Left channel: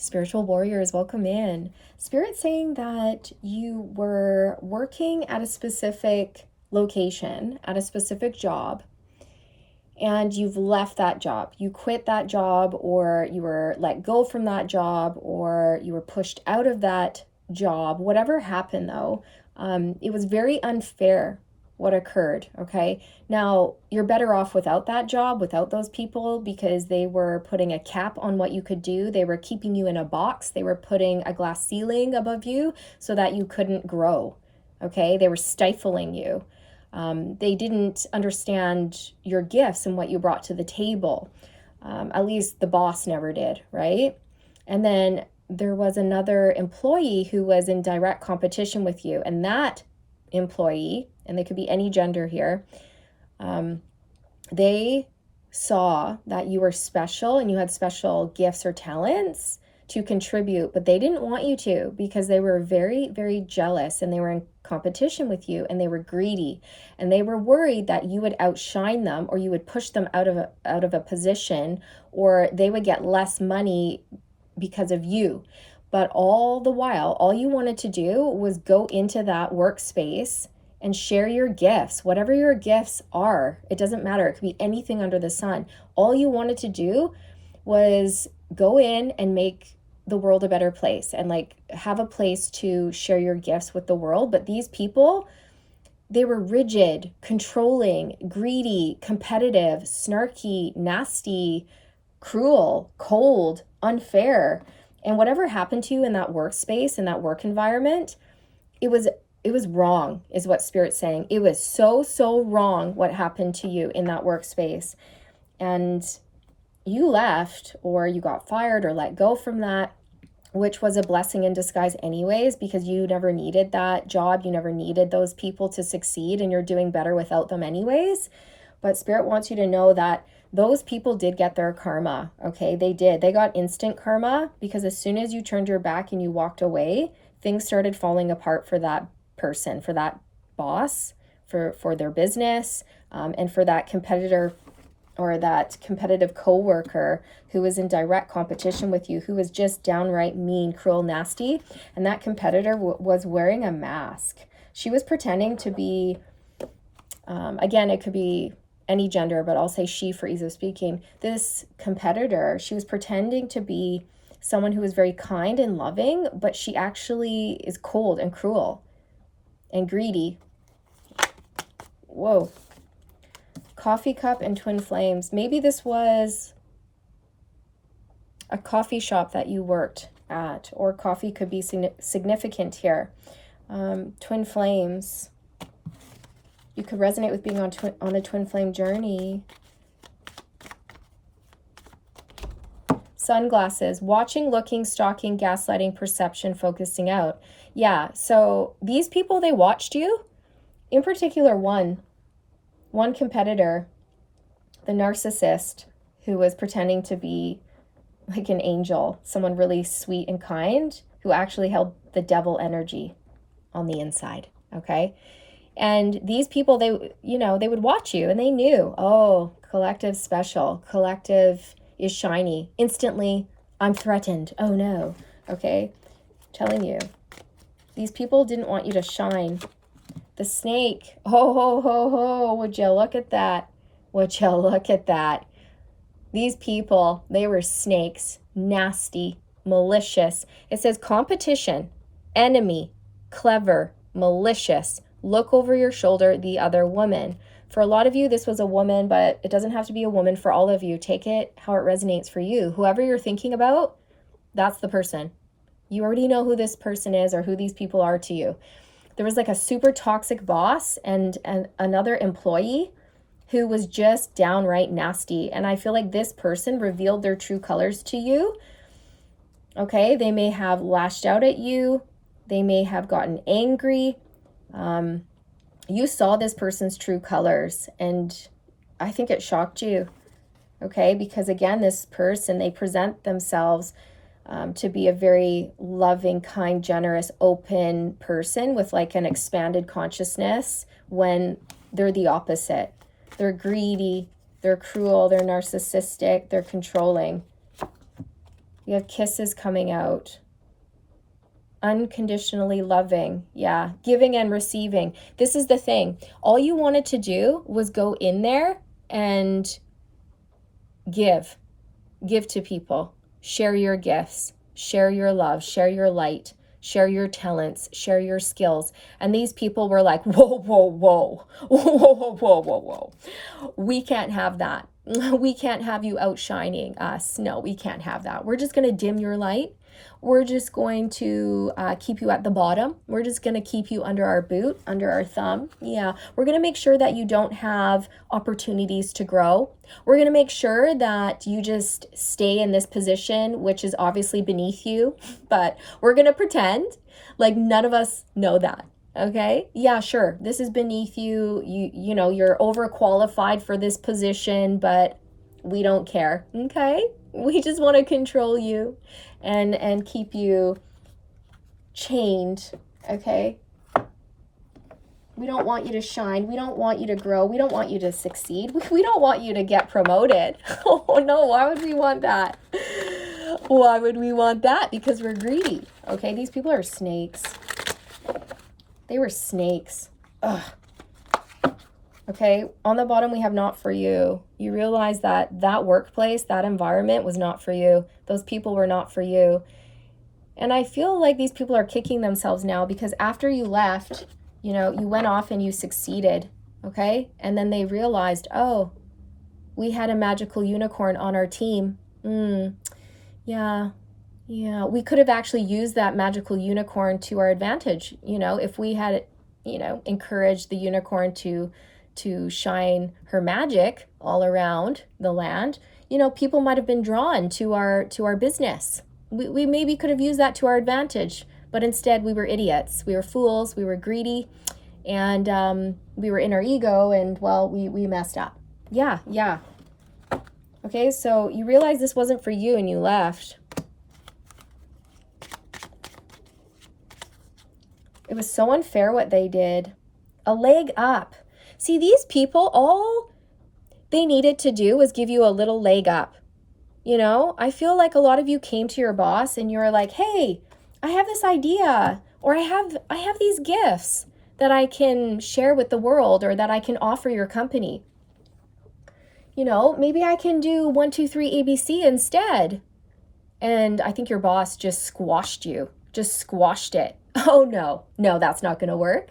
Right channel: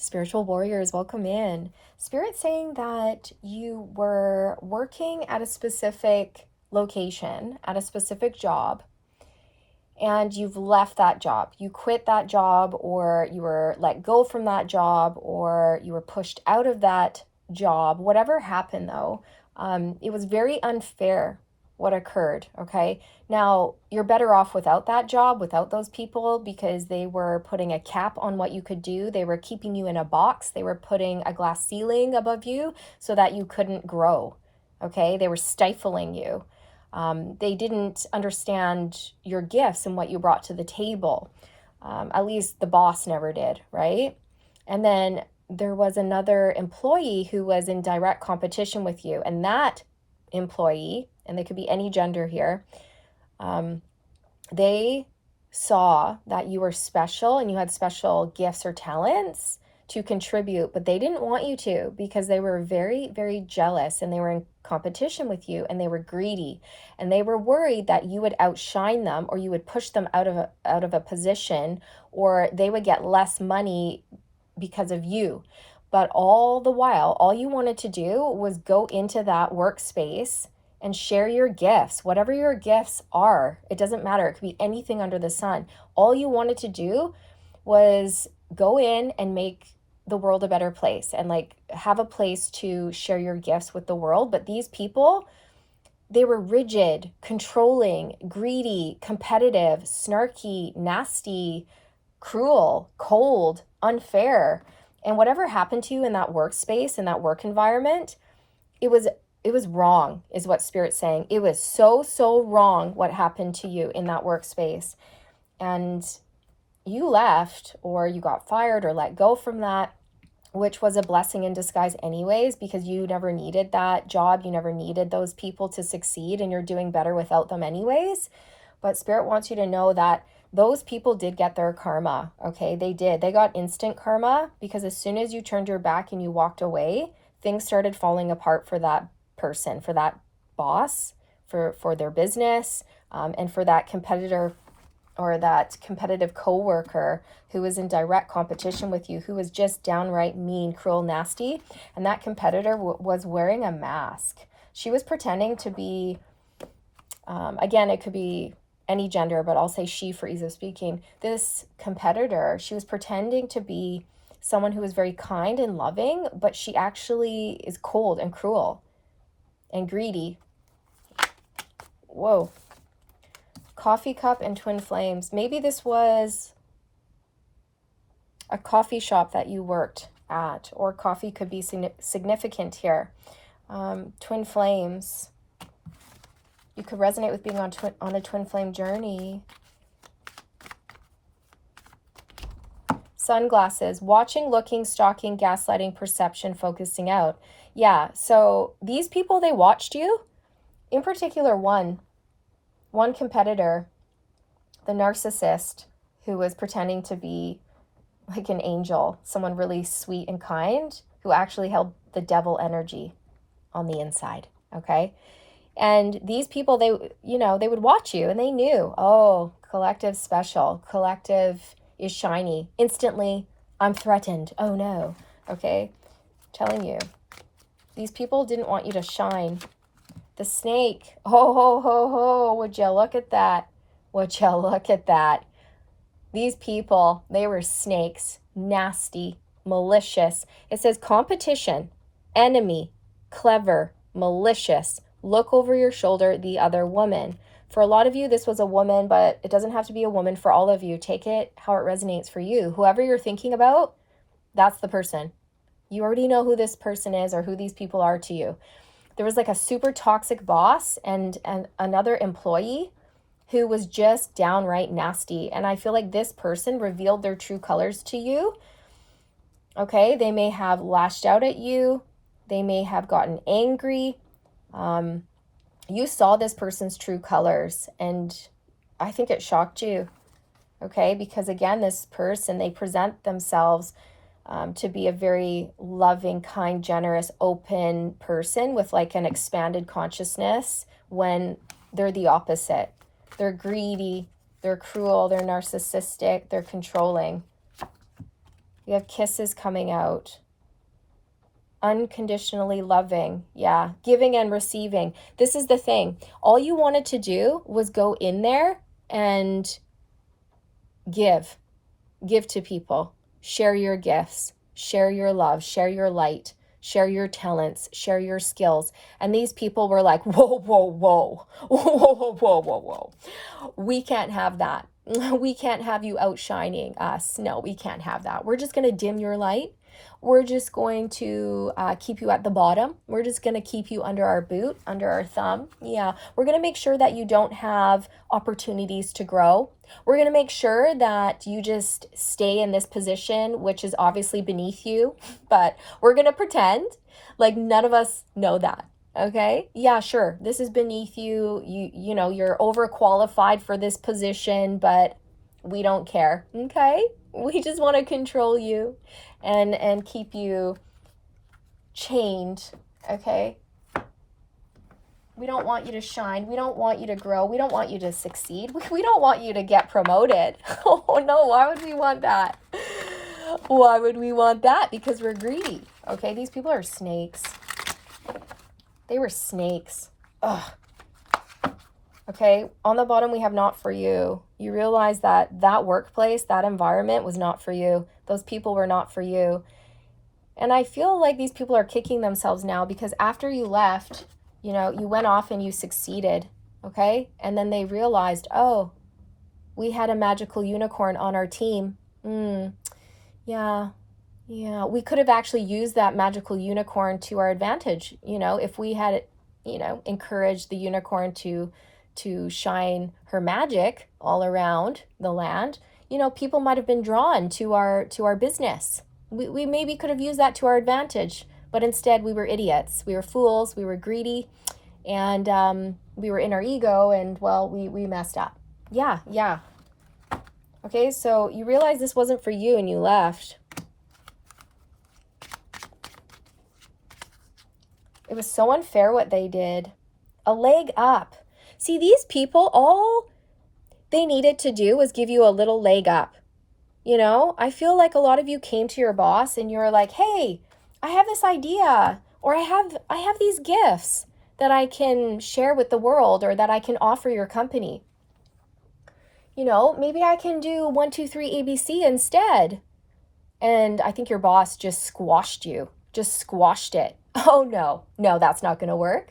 Spiritual warriors, welcome in. Spirit saying that you were working at a specific location, at a specific job, and you've left that job. You quit that job, or you were let go from that job, or you were pushed out of that job. Whatever happened though, it was very unfair what occurred. Okay. Now you're better off without that job, without those people, because they were putting a cap on what you could do. They were keeping you in a box. They were putting a glass ceiling above you so that you couldn't grow. Okay. They were stifling you. They didn't understand your gifts and what you brought to the table. At least the boss never did, right? And then there was another employee who was in direct competition with you. And that employee, and they could be any gender here, they saw that you were special and you had special gifts or talents to contribute, but they didn't want you to, because they were very, very jealous, and they were in competition with you, and they were greedy, and they were worried that you would outshine them, or you would push them out of a position, or they would get less money because of you. But all the while, all you wanted to do was go into that workspace and share your gifts, whatever your gifts are. It doesn't matter. It could be anything under the sun. All you wanted to do was go in and make the world a better place, and like have a place to share your gifts with the world. But these people, they were rigid, controlling, greedy, competitive, snarky, nasty, cruel, cold, unfair. And whatever happened to you in that workspace, in that work environment, it was wrong, is what Spirit's saying. It was so wrong what happened to you in that workspace. And you left, or you got fired or let go from that, which was a blessing in disguise anyways, because you never needed that job. You never needed those people to succeed, and you're doing better without them anyways. But Spirit wants you to know that those people did get their karma. Okay, they did. They got instant karma, because as soon as you turned your back and you walked away, things started falling apart for that person, for that boss, for their business, and for that competitor, or that competitive coworker who was in direct competition with you, who was just downright mean, cruel, nasty. And that competitor was wearing a mask. She was pretending to be, again, it could be any gender, but I'll say she for ease of speaking. This competitor, she was pretending to be someone who was very kind and loving, but she actually is cold and cruel and greedy. Whoa. Coffee cup and twin flames. Maybe this was a coffee shop that you worked at, or coffee could be significant here. Twin flames. You could resonate with being on a twin flame journey. Sunglasses. Watching, looking, stalking, gaslighting, perception, focusing out. Yeah, so these people, they watched you. In particular, one competitor, the narcissist, who was pretending to be like an angel, someone really sweet and kind, who actually held the devil energy on the inside. Okay. And these people, they would watch you, and they knew, oh, collective special, collective is shiny. Instantly, I'm threatened. Oh no. Okay. I'm telling you, these people didn't want you to shine. The snake. Ho, ho, ho, ho. Would you look at that? Would you look at that? These people, they were snakes, nasty, malicious. It says competition, enemy, clever, malicious. Look over your shoulder, the other woman. For a lot of you, this was a woman, but it doesn't have to be a woman for all of you. Take it how it resonates for you. Whoever you're thinking about, that's the person. You already know who this person is, or who these people are to you. There was like a super toxic boss and another employee who was just downright nasty. And I feel like this person revealed their true colors to you. Okay, they may have lashed out at you. They may have gotten angry. You saw this person's true colors, and I think it shocked you. Okay, because again, this person, they present themselves to be a very loving, kind, generous, open person with like an expanded consciousness, when they're the opposite. They're greedy, they're cruel, they're narcissistic, they're controlling. We have kisses coming out. Unconditionally loving. Yeah. Giving and receiving. This is the thing. All you wanted to do was go in there and give. Give to people. Share your gifts. Share your love. Share your light. Share your talents. Share your skills. And these people were like, whoa, whoa, whoa. Whoa, whoa, whoa, whoa, whoa, whoa. We can't have that. We can't have you outshining us. No, we can't have that. We're just going to dim your light. We're just going to keep you at the bottom. We're just going to keep you under our boot, under our thumb. Yeah, we're going to make sure that you don't have opportunities to grow. We're going to make sure that you just stay in this position, which is obviously beneath you, but we're going to pretend like none of us know that. Okay. Yeah, sure. This is beneath you. You know, you're overqualified for this position, but we don't care. Okay. We just want to control you and keep you chained. Okay. We don't want you to shine. We don't want you to grow. We don't want you to succeed. We don't want you to get promoted. Oh no, why would we want that? Why would we want that? Because we're greedy. Okay. These people are snakes. They were snakes. Ugh. Okay, on the bottom we have not for you. You realize that that workplace, that environment was not for you. Those people were not for you. And I feel like these people are kicking themselves now because after you left, you know, you went off and you succeeded, okay? And then they realized, oh, we had a magical unicorn on our team. Yeah, we could have actually used that magical unicorn to our advantage, you know, if we had, you know, encouraged the unicorn to shine her magic all around the land. You know, people might have been drawn to our business. We maybe could have used that to our advantage, but instead we were idiots. We were fools. We were greedy, and we were in our ego, and well, we messed up. Yeah. Okay, so you realize this wasn't for you and you left. It was so unfair what they did. A leg up. See, these people, all they needed to do was give you a little leg up. You know, I feel like a lot of you came to your boss and you were like, hey, I have this idea, or I have these gifts that I can share with the world or that I can offer your company. You know, maybe I can do 1, 2, 3 ABC instead. And I think your boss just squashed you, just squashed it. Oh, no, that's not going to work.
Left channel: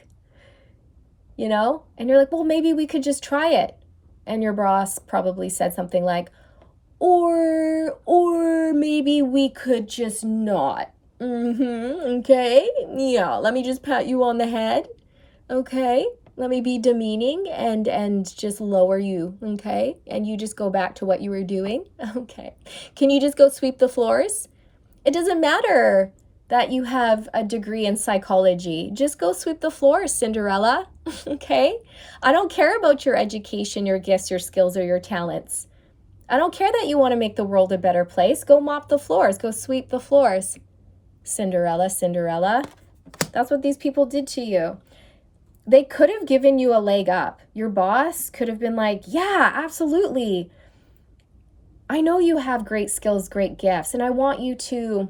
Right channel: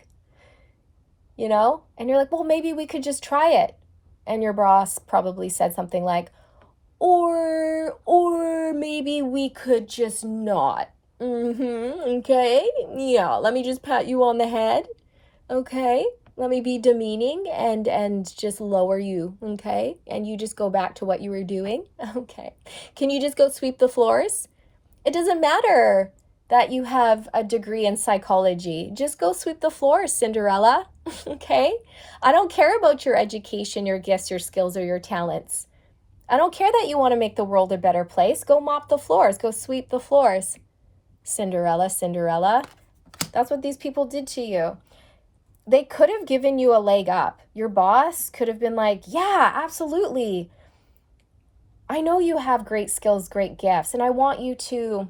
You know, and you're like, well, maybe we could just try it. And your boss probably said something like, or maybe we could just not. Okay. Yeah. Let me just pat you on the head. Okay. Let me be demeaning and just lower you. Okay. And you just go back to what you were doing. Okay. Can you just go sweep the floors? It doesn't matter that you have a degree in psychology. Just go sweep the floors, Cinderella. Okay? I don't care about your education, your gifts, your skills, or your talents. I don't care that you want to make the world a better place. Go mop the floors. Go sweep the floors. Cinderella. That's what these people did to you. They could have given you a leg up. Your boss could have been like, yeah, absolutely. I know you have great skills, great gifts, and I want you to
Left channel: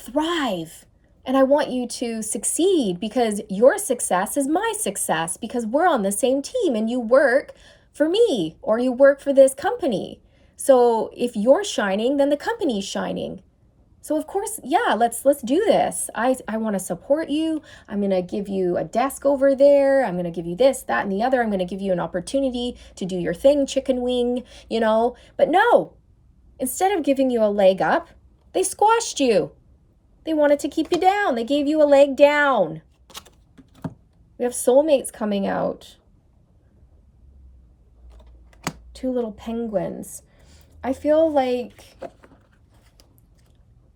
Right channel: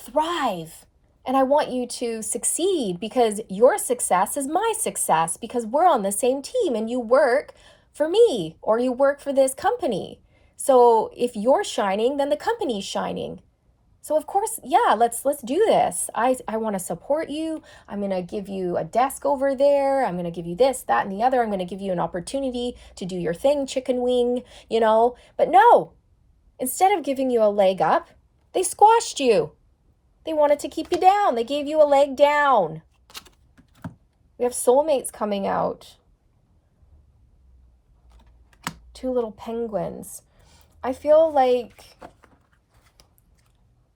thrive. And I want you to succeed because your success is my success because we're on the same team and you work for me or you work for this company. So if you're shining, then the company's shining. So of course, yeah, let's do this. I want to support you. I'm going to give you a desk over there. I'm going to give you this, that, and the other. I'm going to give you an opportunity to do your thing, chicken wing, you know. But no, instead of giving you a leg up, they squashed you. They wanted to keep you down. They gave you a leg down. We have soulmates coming out. 2 little penguins. I feel like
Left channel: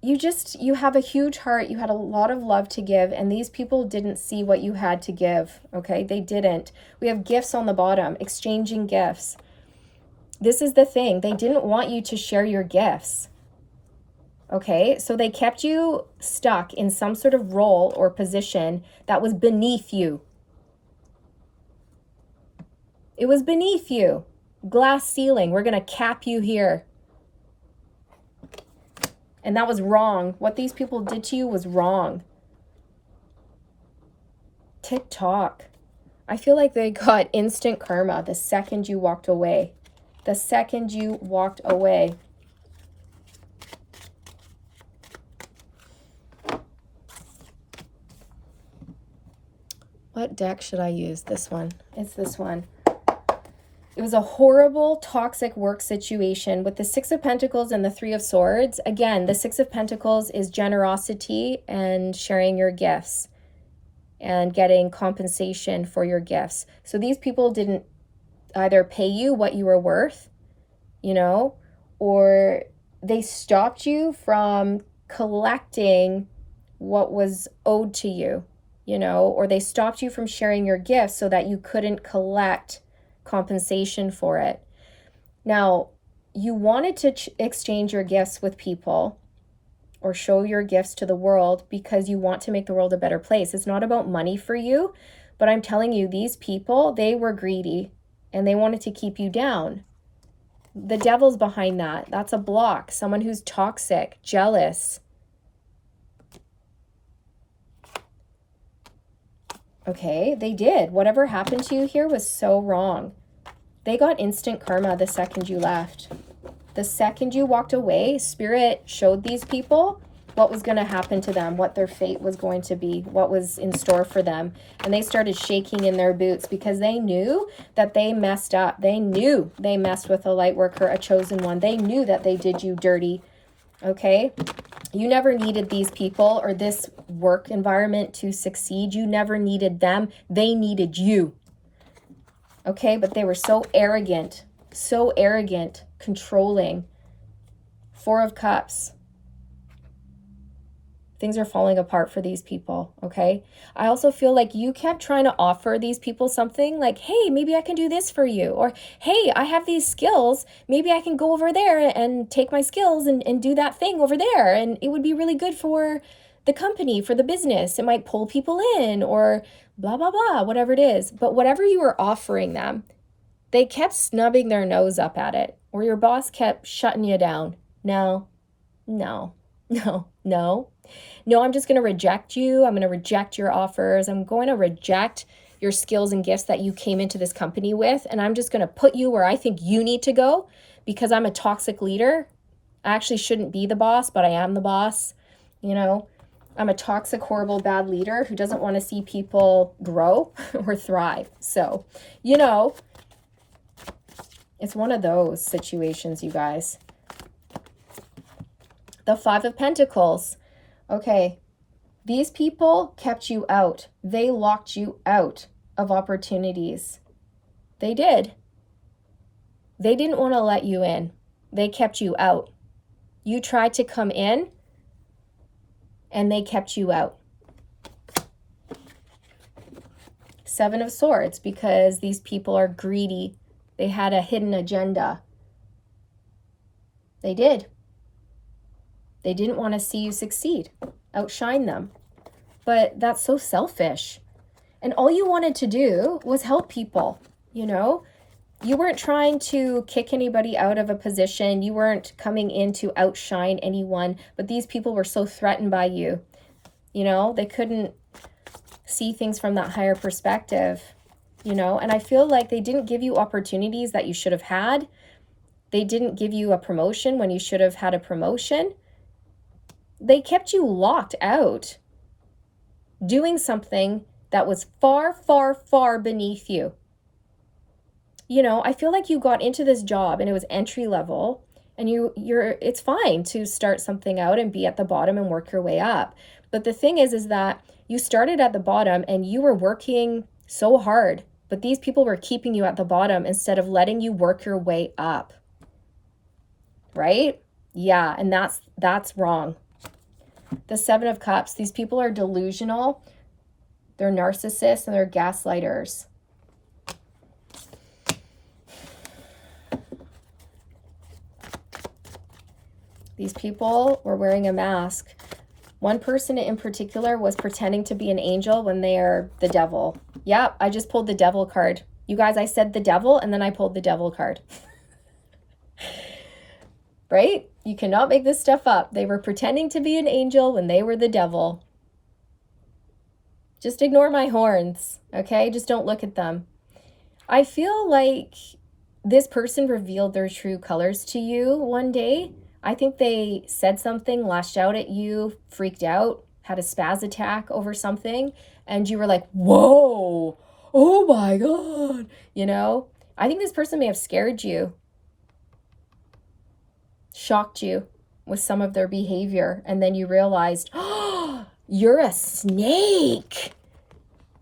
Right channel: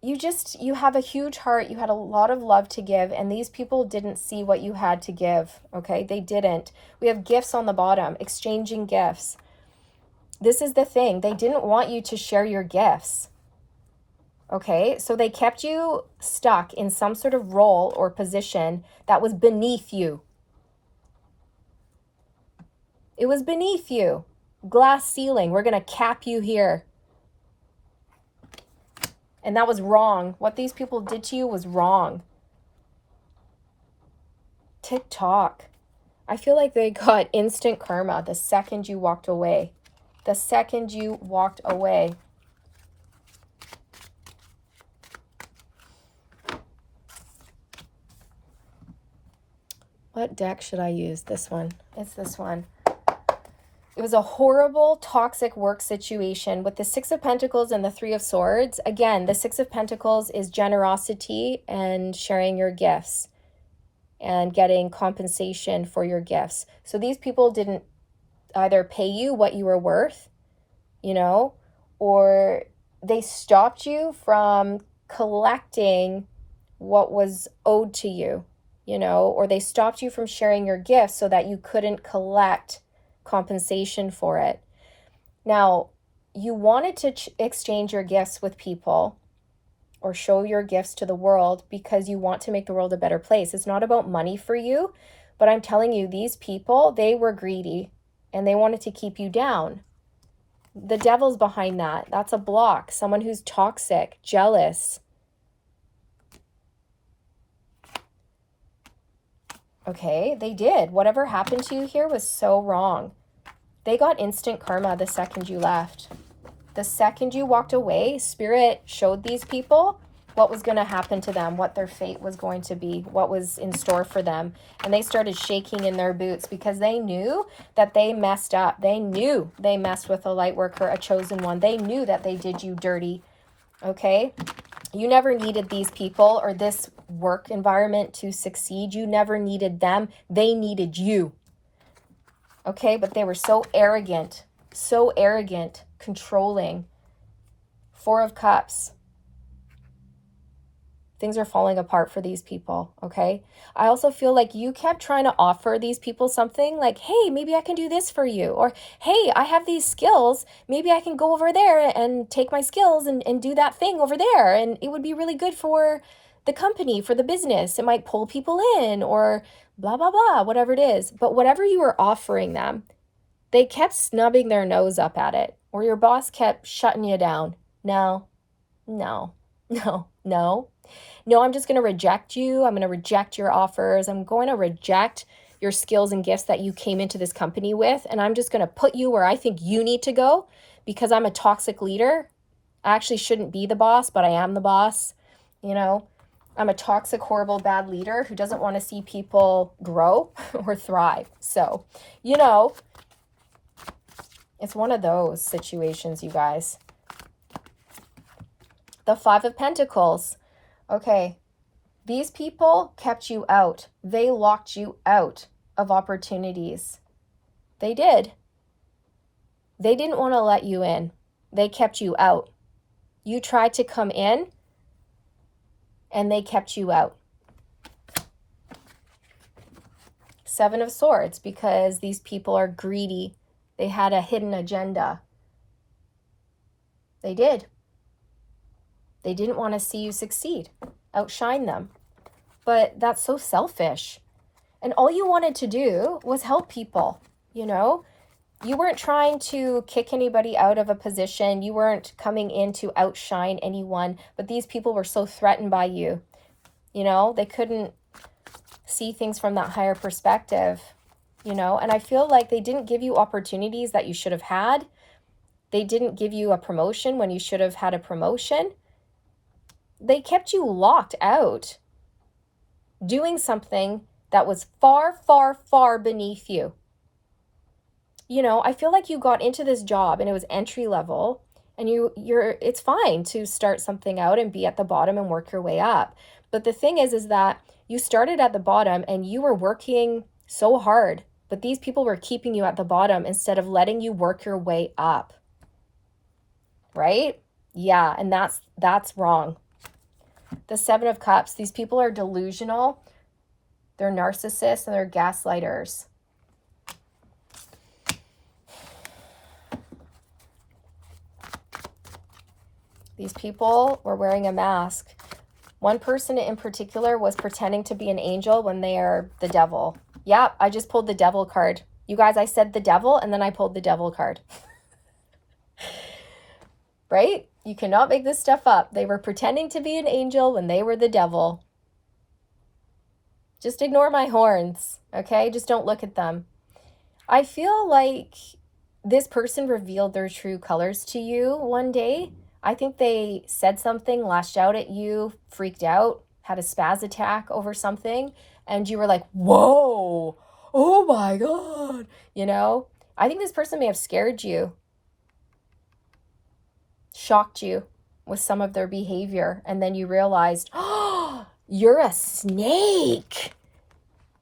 you have a huge heart. You had a lot of love to give, and these people didn't see what you had to give, okay? They didn't. We have gifts on the bottom, exchanging gifts. This is the thing. They didn't want you to share your gifts. Okay, so they kept you stuck in some sort of role or position that was beneath you. It was beneath you. Glass ceiling. We're going to cap you here. And that was wrong. What these people did to you was wrong. TikTok. I feel like they got instant karma the second you walked away. The second you walked away. What deck should I use? This one. It's this one. It was a horrible, toxic work situation with the Six of Pentacles and the Three of Swords. Again, the Six of Pentacles is generosity and sharing your gifts and getting compensation for your gifts. So these people didn't either pay you what you were worth, you know, or they stopped you from collecting what was owed to you, you know, or they stopped you from sharing your gifts so that you couldn't collect compensation for it. Now, you wanted to exchange your gifts with people or show your gifts to the world because you want to make the world a better place. It's not about money for you, but I'm telling you, these people, they were greedy and they wanted to keep you down. The devil's behind that. That's a block. Someone who's toxic, jealous. Okay, they did. Whatever happened to you here was so wrong. They got instant karma the second you left. The second you walked away, Spirit showed these people what was going to happen to them, what their fate was going to be, what was in store for them. And they started shaking in their boots because they knew that they messed up. They knew they messed with a light worker, a chosen one. They knew that they did you dirty. Okay? You never needed these people or this work environment to succeed. You never needed them. They needed you. Okay? But they were so arrogant, controlling. Four of Cups. Things are falling apart for these people, okay? I also feel like you kept trying to offer these people something like, hey, maybe I can do this for you. Or, hey, I have these skills. Maybe I can go over there and take my skills and do that thing over there. And it would be really good for the company, for the business. It might pull people in or blah, blah, blah, whatever it is. But whatever you were offering them, they kept snubbing their nose up at it. Or your boss kept shutting you down. No, I'm just going to reject you. I'm going to reject your offers. I'm going to reject your skills and gifts that you came into this company with. And I'm just going to put you where I think you need to go because I'm a toxic leader. I actually shouldn't be the boss, but I am the boss. You know, I'm a toxic, horrible, bad leader who doesn't want to see people grow or thrive. So, you know, it's one of those situations, you guys. The Five of Pentacles. Okay, these people kept you out. They locked you out of opportunities. They did. They didn't want to let you in. They kept you out. You tried to come in, and they kept you out. Seven of Swords, because these people are greedy. They had a hidden agenda. They did. They didn't want to see you succeed, outshine them. But that's so selfish. And all you wanted to do was help people, you know? You weren't trying to kick anybody out of a position. You weren't coming in to outshine anyone. But these people were so threatened by you. You know, they couldn't see things from that higher perspective, you know? And I feel like they didn't give you opportunities that you should have had. They didn't give you a promotion when you should have had a promotion. They kept you locked out doing something that was far, far, far beneath you. You know, I feel like you got into this job and it was entry level and it's fine to start something out and be at the bottom and work your way up. But the thing is that you started at the bottom and you were working so hard, but these people were keeping you at the bottom instead of letting you work your way up. Right? Yeah, and that's wrong. The Seven of Cups, these people are delusional, they're narcissists, and they're gaslighters. These people were wearing a mask. One person in particular was pretending to be an angel when they are the devil. Yeah, I just pulled the devil card. You guys, I said the devil, and then I pulled the devil card. right? You cannot make this stuff up. They were pretending to be an angel when they were the devil. Just ignore my horns, okay? Just don't look at them. I feel like this person revealed their true colors to you one day. I think they said something, lashed out at you, freaked out, had a spaz attack over something, and you were like, whoa, oh my God, you know? I think this person may have scared you, shocked you with some of their behavior, and then you realized, oh, you're a snake.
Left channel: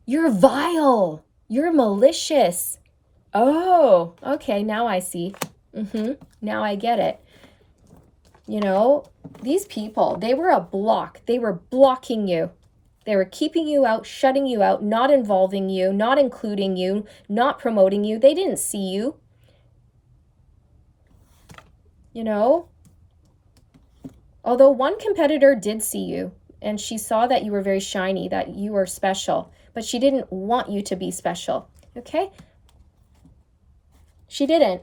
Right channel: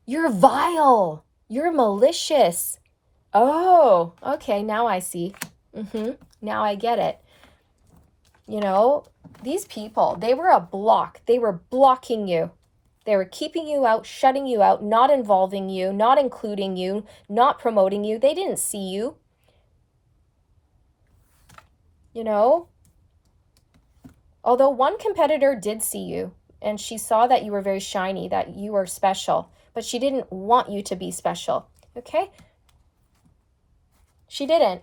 You're vile. You're malicious. Oh, okay, now I see. Now I get it. You know, these people, they were a block. They were blocking you. They were keeping you out, shutting you out, not involving you, not including you, not promoting you. They didn't see you. You know, although one competitor did see you, and she saw that you were very shiny, that you were special, but she didn't want you to be special, okay? She didn't.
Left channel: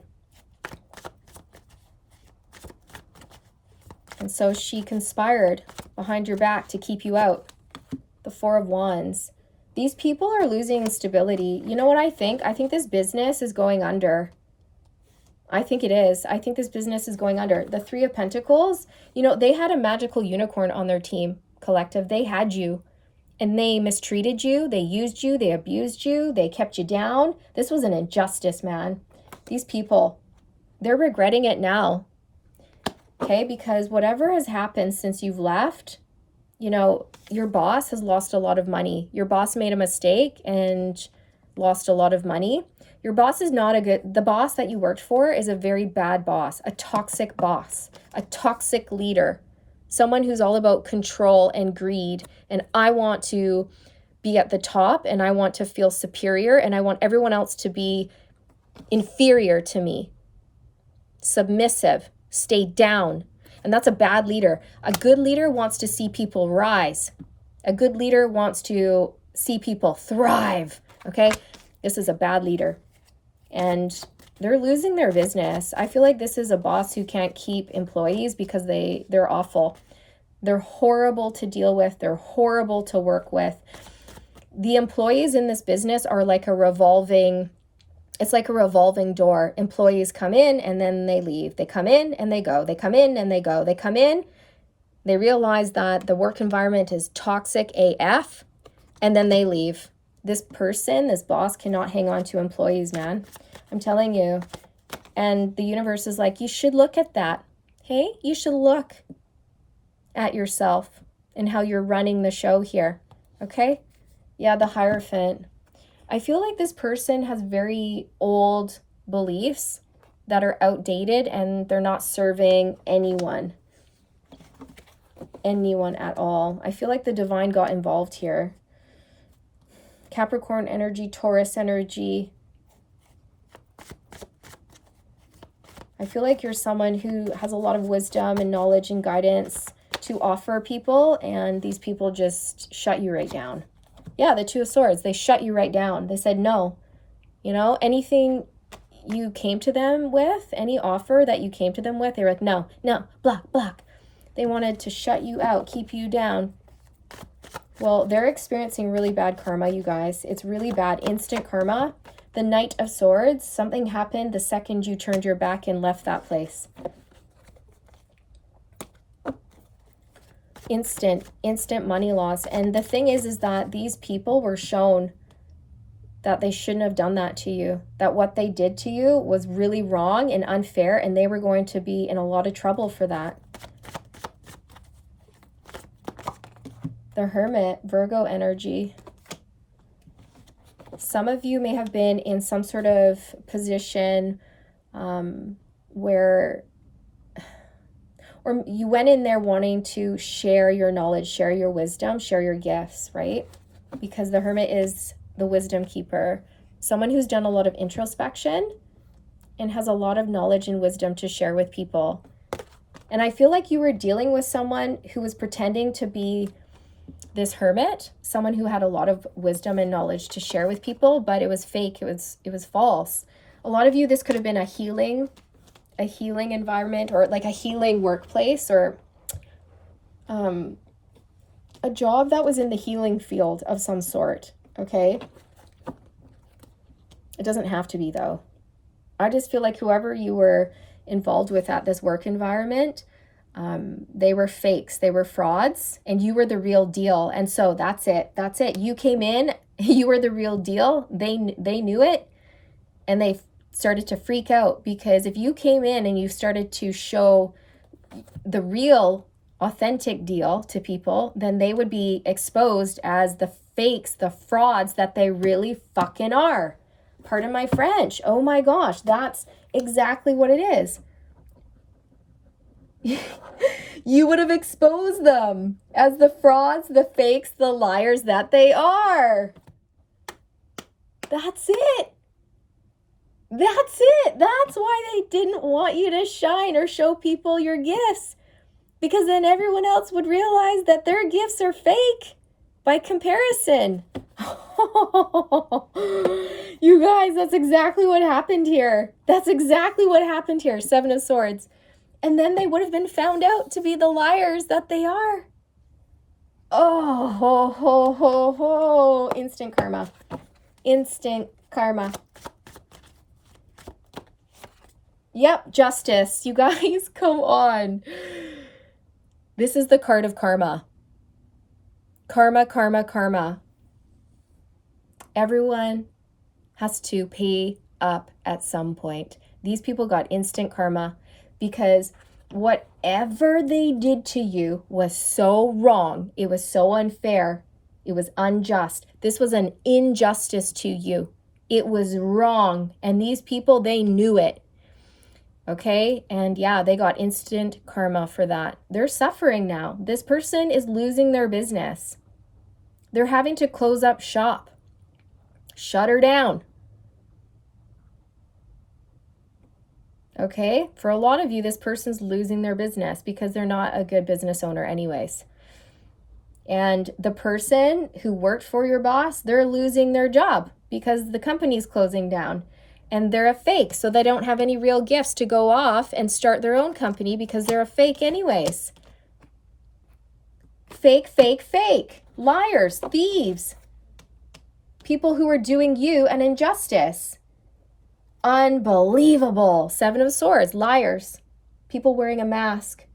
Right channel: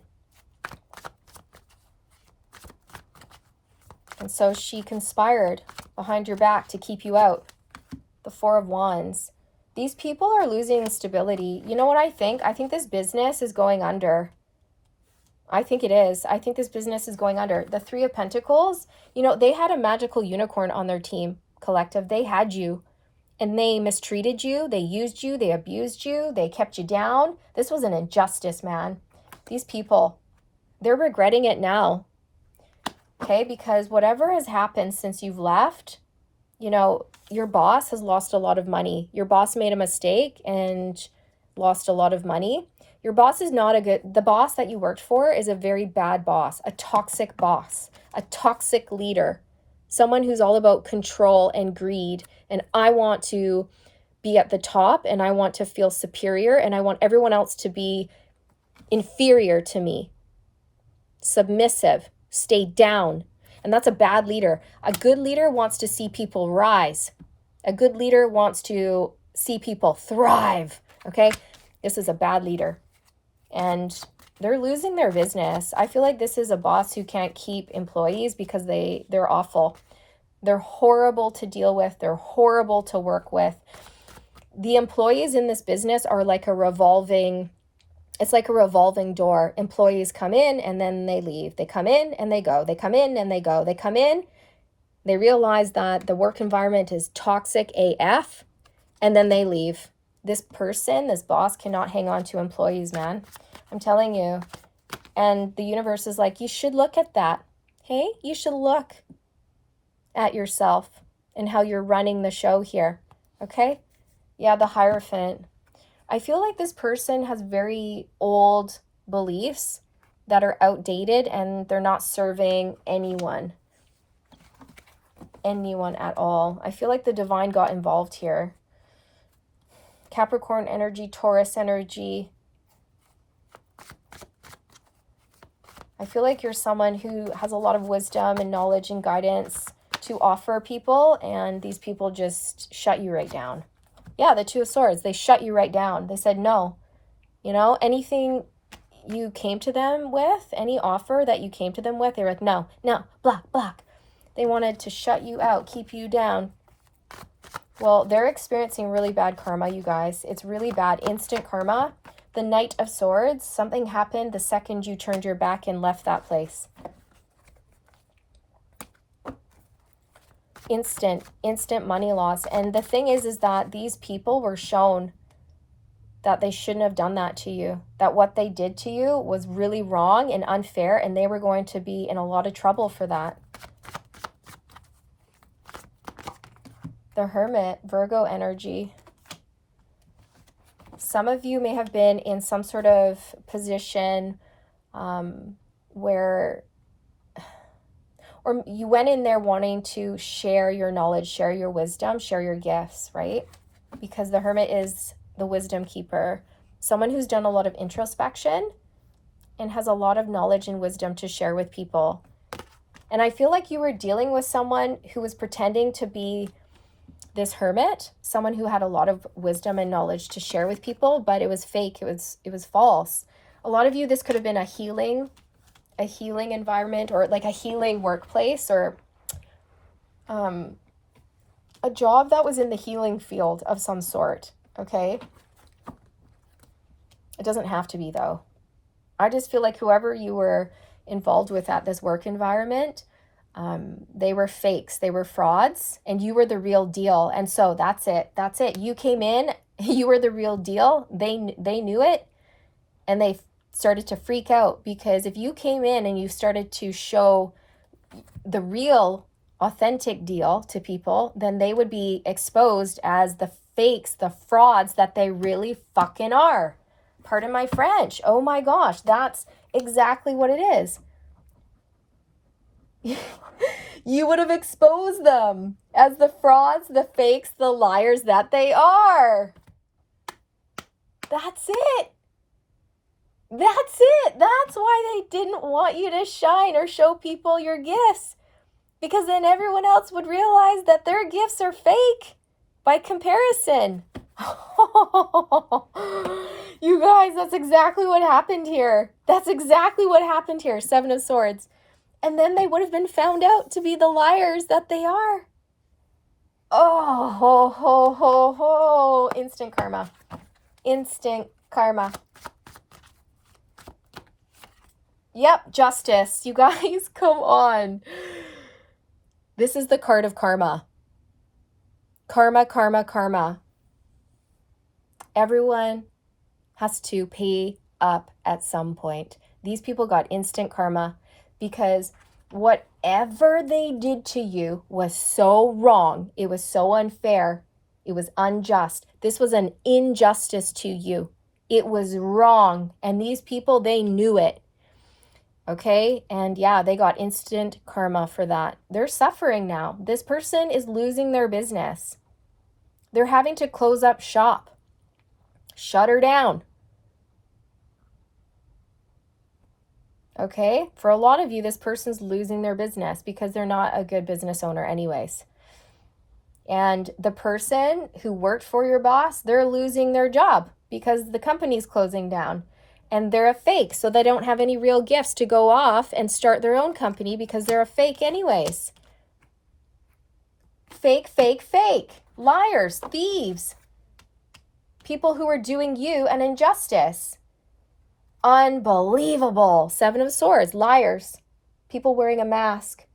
And so she conspired behind your back to keep you out. The Four of Wands. These people are losing stability. You know what I think? I think this business is going under. I think it is. I think this business is going under. The Three of Pentacles, you know, they had a magical unicorn on their team, collective. They had you, and they mistreated you. They used you. They abused you. They kept you down. This was an injustice, man. These people, they're regretting it now. Okay, because whatever has happened since you've left, you know, your boss has lost a lot of money. Your boss made a mistake and lost a lot of money. Your boss is not a good, the boss that you worked for is a very bad boss, a toxic boss, a toxic leader, someone who's all about control and greed. And I want to be at the top, and I want to feel superior, and I want everyone else to be inferior to me, submissive, stay down. And that's a bad leader. A good leader wants to see people rise. A good leader wants to see people thrive. Okay, this is a bad leader, and they're losing their business. I feel like this is a boss who can't keep employees because they're awful. They're horrible to deal with. They're horrible to work with. The employees in this business are like a revolving, it's like a revolving door. Employees come in and then they leave. They come in and they go. They come in and they go. They come in, they realize that the work environment is toxic AF, and then they leave. This person, this boss cannot hang on to employees, man. I'm telling you. And the universe is like, you should look at that. Hey, you should look at yourself and how you're running the show here. Okay? Yeah, the Hierophant. I feel like this person has very old beliefs that are outdated, and they're not serving anyone at all. I feel like the divine got involved here. Capricorn energy, Taurus energy. I feel like you're someone who has a lot of wisdom and knowledge and guidance to offer people, and these people just shut you right down. Yeah, the Two of Swords, they shut you right down. They said no. You know, anything you came to them with, any offer that you came to them with, they were like, no, no, block, block. They wanted to shut you out, keep you down. Well, they're experiencing really bad karma, you guys. It's really bad, instant karma. The Knight of Swords, something happened the second you turned your back and left that place. Instant money loss. And the thing is that these people were shown that they shouldn't have done that to you, that what they did to you was really wrong and unfair, and they were going to be in a lot of trouble for that. The Hermit, Virgo energy. Some of you may have been in some sort of position where, or you went in there wanting to share your knowledge, share your wisdom, share your gifts, right? Because the Hermit is the wisdom keeper, someone who's done a lot of introspection and has a lot of knowledge and wisdom to share with people. And I feel like you were dealing with someone who was pretending to be this hermit, someone who had a lot of wisdom and knowledge to share with people, but it was fake. It was false. A lot of you, this could have been a healing a healing environment, or like a healing workplace, or a job that was in the healing field of some sort, okay? It doesn't have to be, though. I just feel like whoever you were involved with at this work environment, they were fakes, they were frauds, and you were the real deal. And so that's it. That's it. You came in, you were the real deal. They knew it, and they started to freak out, because if you came in and you started to show the real authentic deal to people, then they would be exposed as the fakes, the frauds that they really fucking are. Pardon my French. Oh my gosh, that's exactly what it is. You would have exposed them as the frauds, the fakes, the liars that they are. That's it. That's it. That's why they didn't want you to shine or show people your gifts, because then everyone else would realize that their gifts are fake by comparison. You guys, that's exactly what happened here. That's exactly what happened here. 7 of Swords. And then they would have been found out to be the liars that they are. Oh, ho, ho, ho, ho. Instant karma. Instant karma. Yep, justice. You guys, come on. This is the card of karma. Karma, karma, karma. Everyone has to pay up at some point. These people got instant karma because whatever they did to you was so wrong. It was so unfair. It was unjust. This was an injustice to you. It was wrong. And these people, they knew it. Okay? And yeah, they got instant karma for that. They're suffering now. This person is losing their business. They're having to close up shop. Shut her down. Okay? For a lot of you, this person's losing their business because they're not a good business owner anyways. And the person who worked for your boss, they're losing their job because the company's closing down. And they're a fake, so they don't have any real gifts to go off and start their own company because they're a fake anyways. Fake, fake, fake. Liars, thieves. People who are doing you an injustice. Unbelievable. 7 of Swords, liars. People wearing a mask,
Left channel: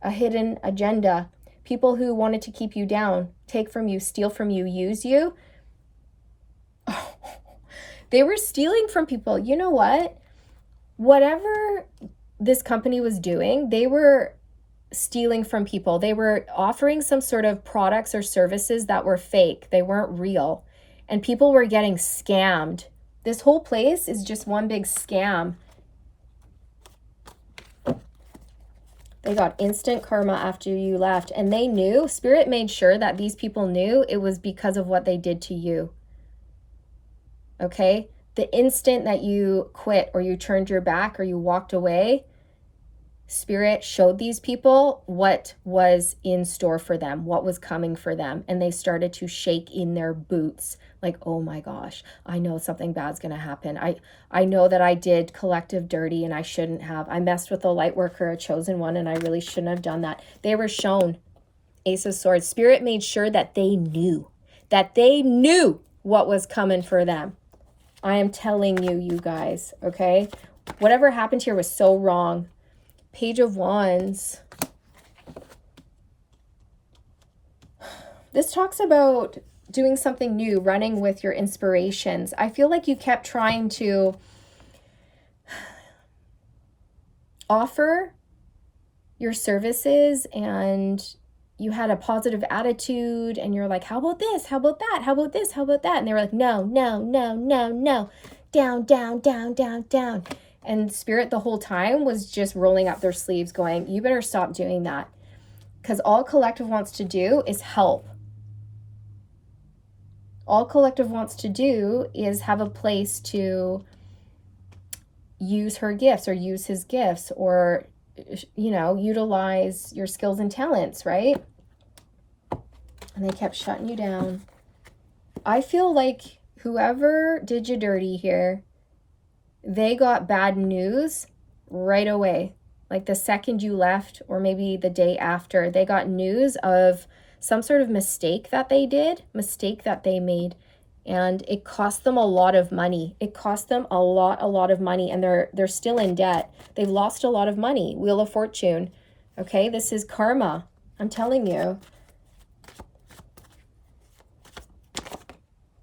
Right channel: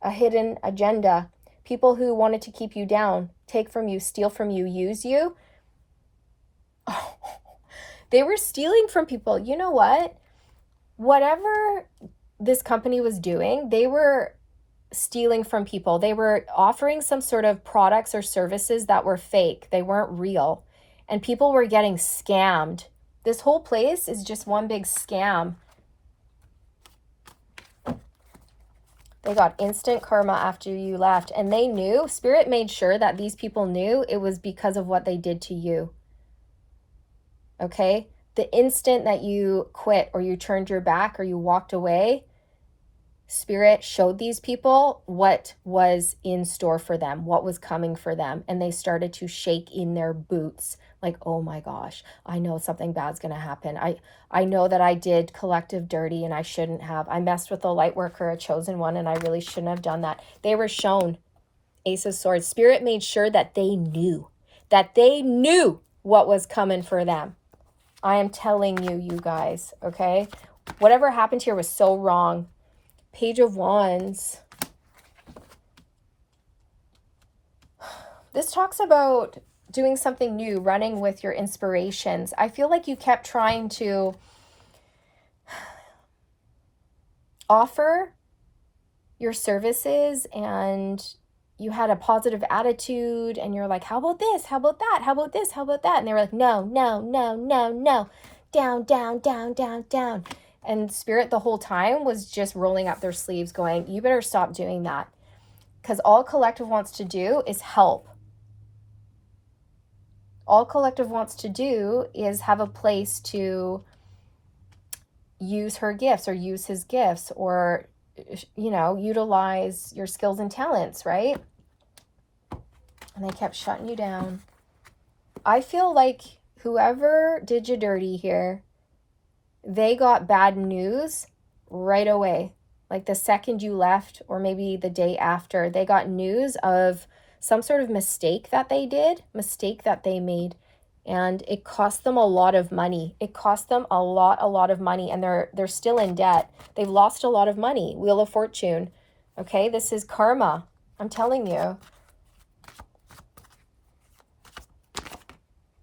a hidden agenda. People who wanted to keep you down, take from you, steal from you, use you. Oh, they were stealing from people. You know what? Whatever this company was doing, they were stealing from people. They were offering some sort of products or services that were fake. They weren't real. And people were getting scammed. This whole place is just one big scam. They got instant karma after you left. And they knew, Spirit made sure that these people knew it was because of what they did to you. Okay? The instant that you quit or you turned your back or you walked away, Spirit showed these people what was in store for them, what was coming for them. And they started to shake in their boots. Like, oh my gosh, I know something bad's going to happen. I know that I did collective dirty and I shouldn't have. I messed with a light worker, a chosen one, and I really shouldn't have done that. They were shown. Ace of Swords. Spirit made sure that they knew what was coming for them. I am telling you, you guys, okay? Whatever happened here was so wrong. Page of Wands. This talks about doing something new, running with your inspirations. I feel like you kept trying to offer your services and you had a positive attitude and you're like, how about this? How about that? How about this? How about that? And they were like, no, no, no, no, no. Down, down, down, down, down. And Spirit the whole time was just rolling up their sleeves going, you better stop doing that. Because all Collective wants to do is help. All Collective wants to do is have a place to use her gifts or use his gifts or, you know, utilize your skills and talents, right? And they kept shutting you down. I feel like whoever did you dirty here, they got bad news right away. Like the second you left, or maybe the day after, they got news of some sort of mistake that they made. And it cost them a lot of money. It cost them a lot of money, and they're still in debt. They've lost a lot of money. Wheel of Fortune. Okay, this is karma. I'm telling you.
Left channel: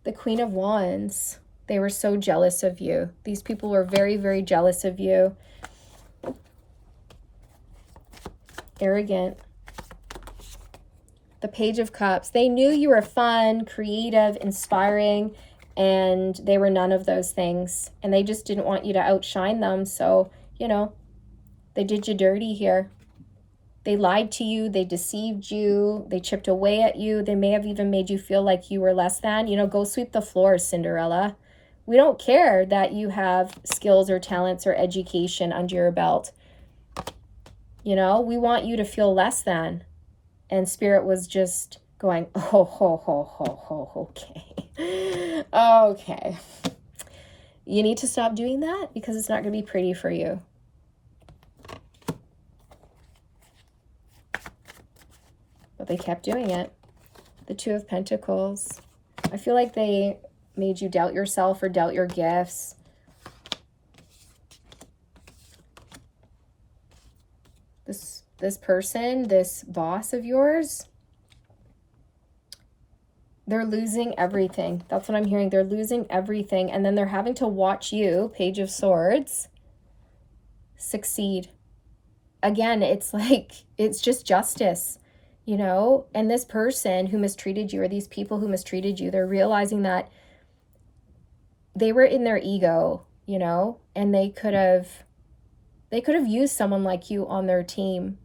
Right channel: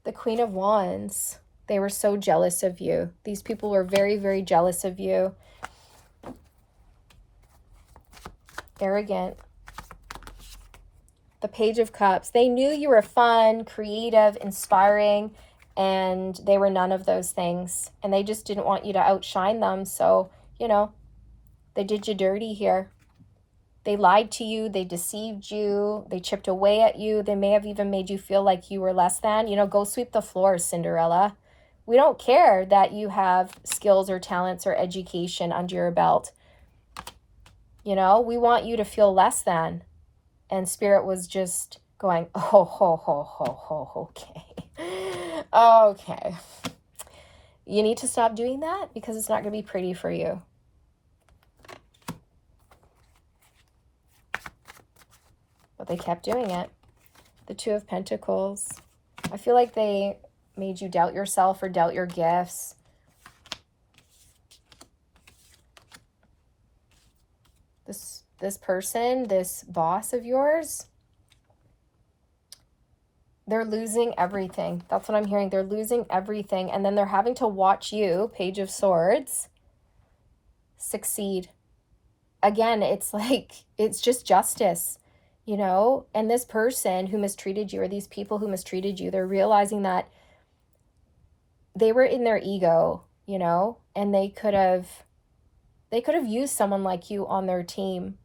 The Queen of Wands. They were so jealous of you. These people were very, very jealous of you. Arrogant. The Page of Cups. They knew you were fun, creative, inspiring, and they were none of those things. And they just didn't want you to outshine them. So, you know, they did you dirty here. They lied to you. They deceived you. They chipped away at you. They may have even made you feel like you were less than. You know, go sweep the floor, Cinderella. We don't care that you have skills or talents or education under your belt. You know, we want you to feel less than. And Spirit was just going, okay. Okay. You need to stop doing that because it's not going to be pretty for you. But they kept doing it. The Two of Pentacles. I feel like they made you doubt yourself or doubt your gifts. This person, this boss of yours, they're losing everything. That's what I'm hearing. They're losing everything. And then they're having to watch you, Page of Swords, succeed. Again, it's like, it's just justice, you know? And this person who mistreated you, or these people who mistreated you, they're realizing that they were in their ego, you know? And they could have used someone like you on their team.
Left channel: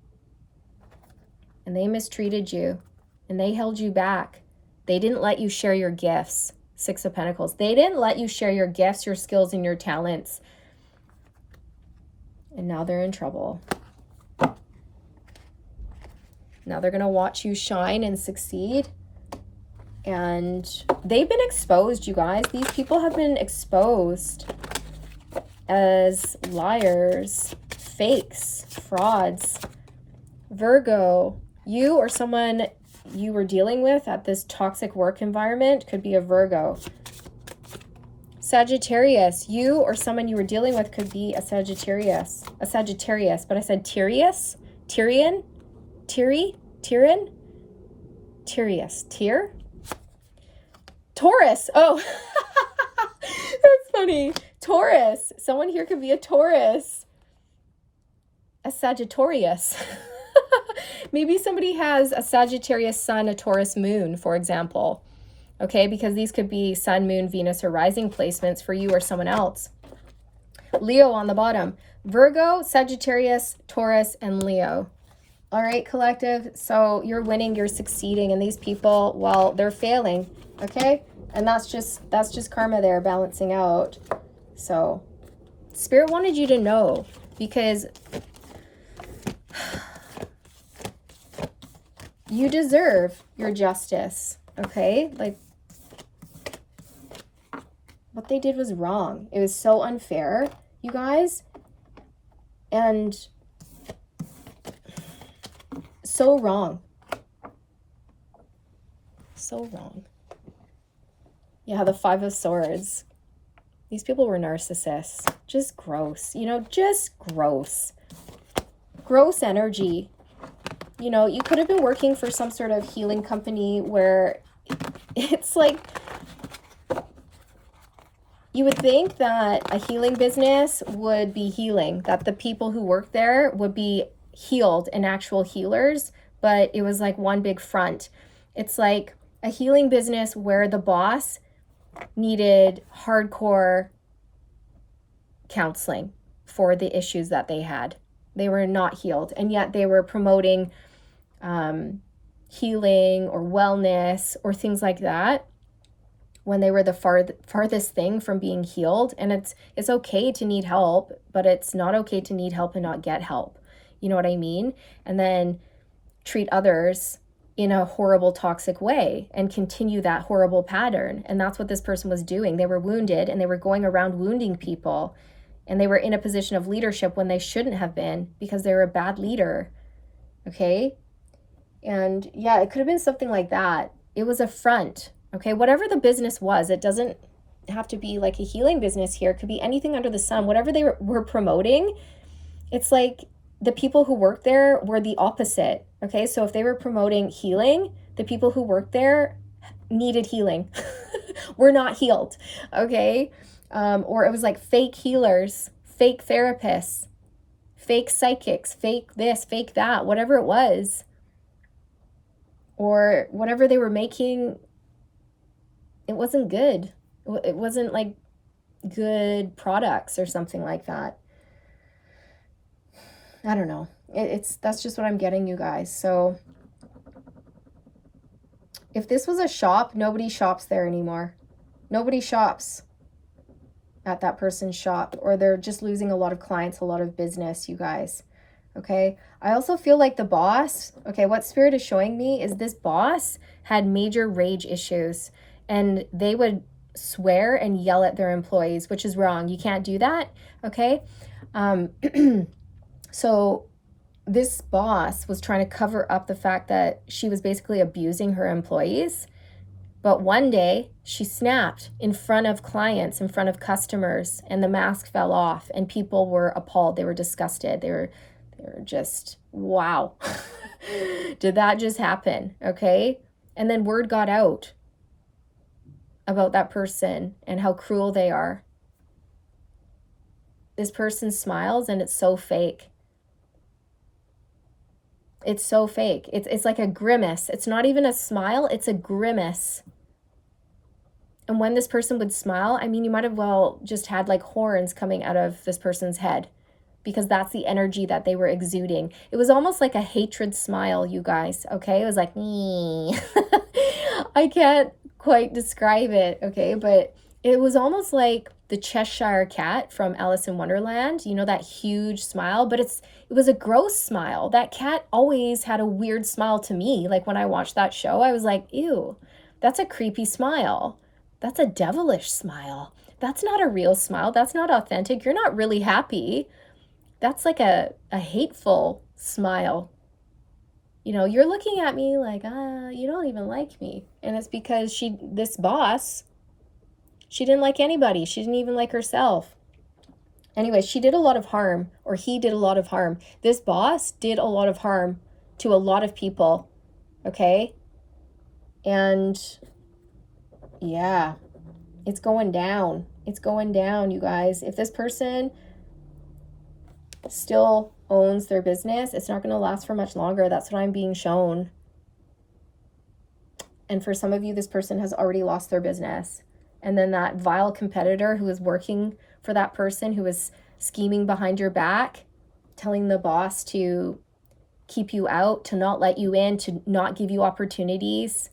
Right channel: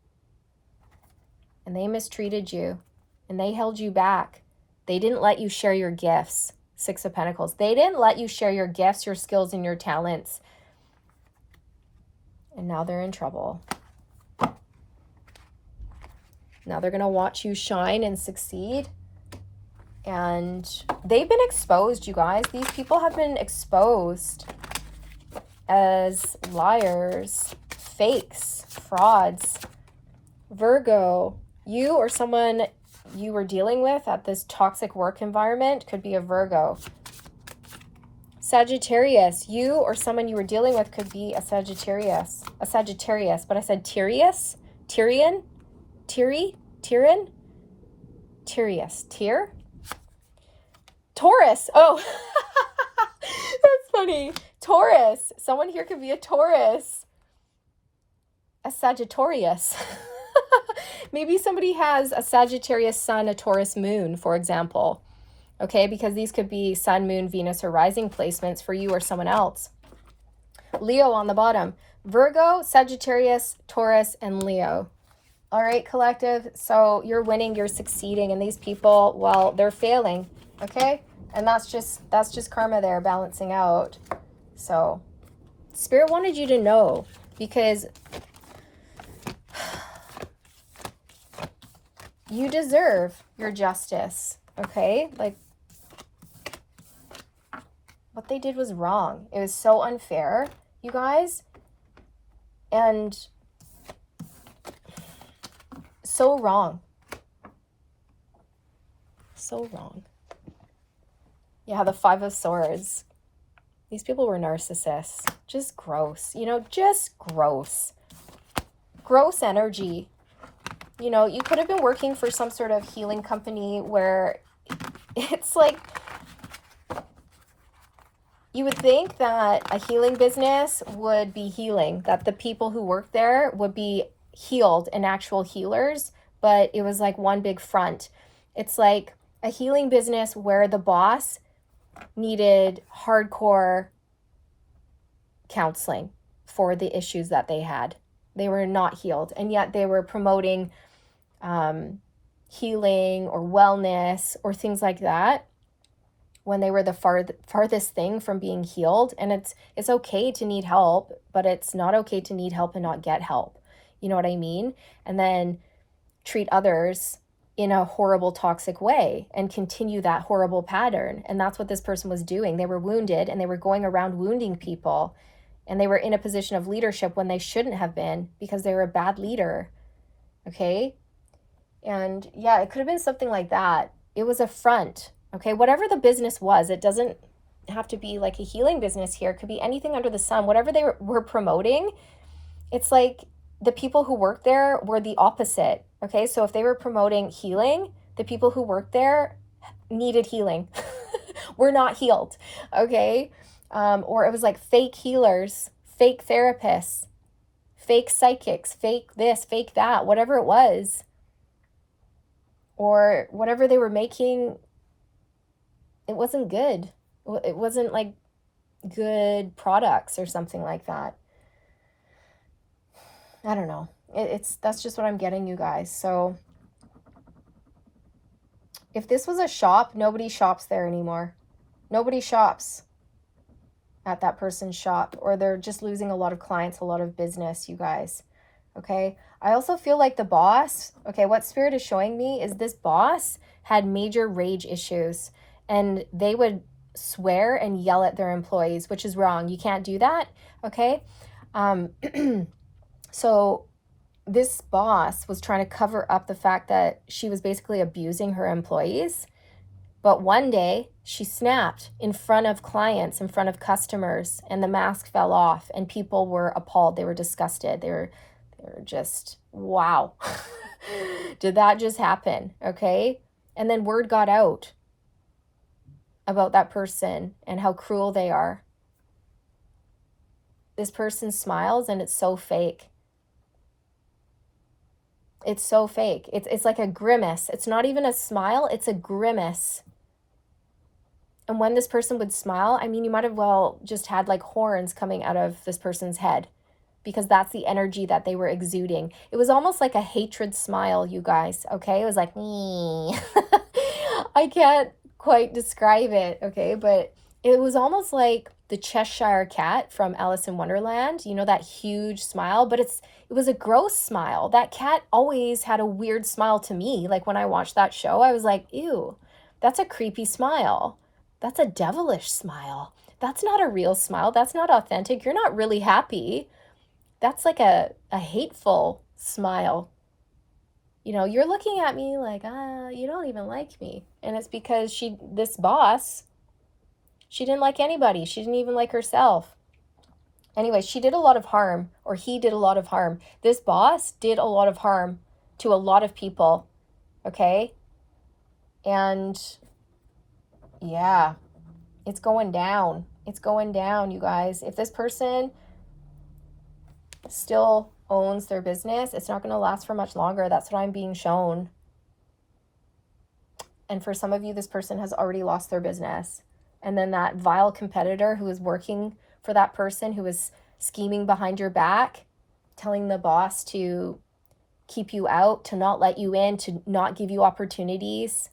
And they mistreated you. And they held you back. They didn't let you share your gifts. Six of Pentacles. They didn't let you share your gifts, your skills, and your talents. And now they're in trouble. Now they're going to watch you shine and succeed. And they've been exposed, you guys. These people have been exposed as liars, fakes, frauds. Virgo, you or someone you were dealing with at this toxic work environment could be a Virgo. Sagittarius, you or someone you were dealing with could be a Sagittarius, but I said Tyrius, Tyrian, Tyrian, Tyrius, Tyr, Taurus. Oh, that's funny. Taurus. Someone here could be a Taurus, a Sagittarius. Maybe somebody has a Sagittarius sun, a Taurus moon, for example. Okay, because these could be sun, moon, Venus, or rising placements for you or someone else. Leo on the bottom. Virgo, Sagittarius, Taurus, and Leo. All right, collective. So you're winning, you're succeeding, and these people, well, they're failing. Okay, and that's just karma there balancing out. So Spirit wanted you to know, because you deserve your justice. Okay, like what they did was wrong. It was so unfair, you guys, and so wrong. So wrong. Yeah, the Five of Swords. These people were narcissists. Just gross. You know, just gross. Gross energy. You know, you could have been working for some sort of healing company where it's like, you would think that a healing business would be healing, that the people who work there would be healed and actual healers, but it was like one big front. It's like a healing business where the boss needed hardcore counseling for the issues that they had. They were not healed, and yet they were promoting healing or wellness or things like that when they were the farthest thing from being healed. And it's okay to need help, but it's not okay to need help and not get help. You know what I mean? And then treat others in a horrible, toxic way and continue that horrible pattern. And that's what this person was doing. They were wounded and they were going around wounding people and they were in a position of leadership when they shouldn't have been because they were a bad leader. Okay? And yeah, it could have been something like that. It was a front. Okay? Whatever the business was, it doesn't have to be like a healing business here. It could be anything under the sun. Whatever they were promoting, it's like the people who worked there were the opposite. Okay? So if they were promoting healing, the people who worked there needed healing. We're not healed. Okay? Or it was like fake healers, fake therapists, fake psychics, fake this, fake that, whatever it was. Or whatever they were making, it wasn't good. It wasn't like good products or something like that. I don't know. That's just what I'm getting, you guys. So if this was a shop, nobody shops there anymore. Nobody shops at that person's shop, or they're just losing a lot of clients, a lot of business, you guys. Okay? I also feel like the boss, okay, what Spirit is showing me is this boss had major rage issues, and they would swear and yell at their employees, which is wrong. You can't do that, okay? So this boss was trying to cover up the fact that she was basically abusing her employees. But one day she snapped in front of clients, in front of customers, and the mask fell off and people were appalled. They were disgusted. They were just, wow. Did that just happen? Okay. And then word got out about that person and how cruel they are. This person smiles and it's so fake. It's so fake. It's like a grimace. It's not even a smile. It's a grimace. And when this person would smile, I mean, you might have well just had like horns coming out of this person's head, because that's the energy that they were exuding. It was almost like a hatred smile, you guys, okay? It was like, I can't quite describe it, okay? But it was almost like the Cheshire Cat from Alice in Wonderland, you know, that huge smile, but it was a gross smile. That cat always had a weird smile to me. Like when I watched that show, I was like, ew, that's a creepy smile. That's a devilish smile. That's not a real smile. That's not authentic. You're not really happy. That's like a hateful smile. You know, you're looking at me like, you don't even like me. And it's because this boss, she didn't like anybody. She didn't even like herself. Anyway, she did a lot of harm, or he did a lot of harm. This boss did a lot of harm to a lot of people, okay? And yeah, it's going down. It's going down, you guys. If this person still owns their business, it's not going to last for much longer. That's what I'm being shown. And for some of you, this person has already lost their business. And then that vile competitor who was working for that person, who was scheming behind your back, telling the boss to keep you out, to not let you in, to not give you opportunities,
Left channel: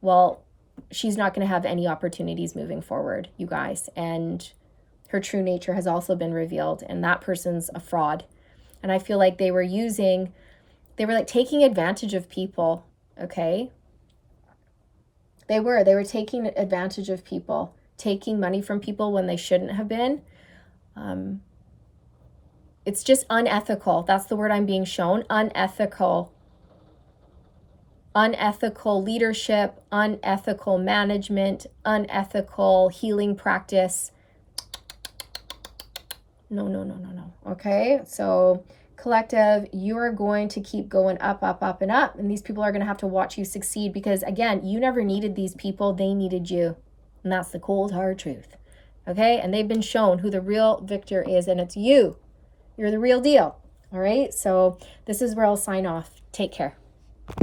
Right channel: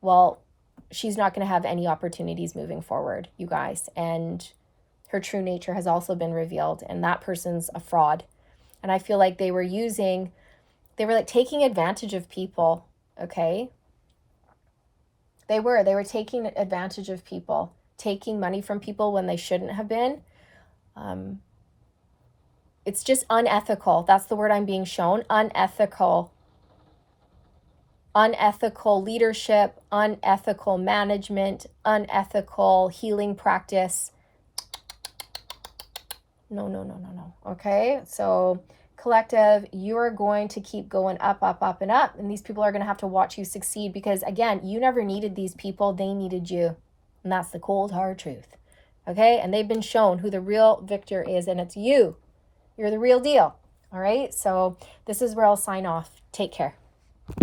well, she's not going to have any opportunities moving forward, you guys. And her true nature has also been revealed, and that person's a fraud. And I feel like they were like taking advantage of people, okay? They were taking advantage of people, taking money from people when they shouldn't have been. It's just unethical. That's the word I'm being shown. Unethical. Unethical leadership, unethical management, unethical healing practice. No. Okay, so collective, you are going to keep going up, up, up, and up. And these people are going to have to watch you succeed, because again, you never needed these people. They needed you. And that's the cold, hard truth. Okay, and they've been shown who the real victor is, and it's you. You're the real deal. All right, so this is where I'll sign off. Take care.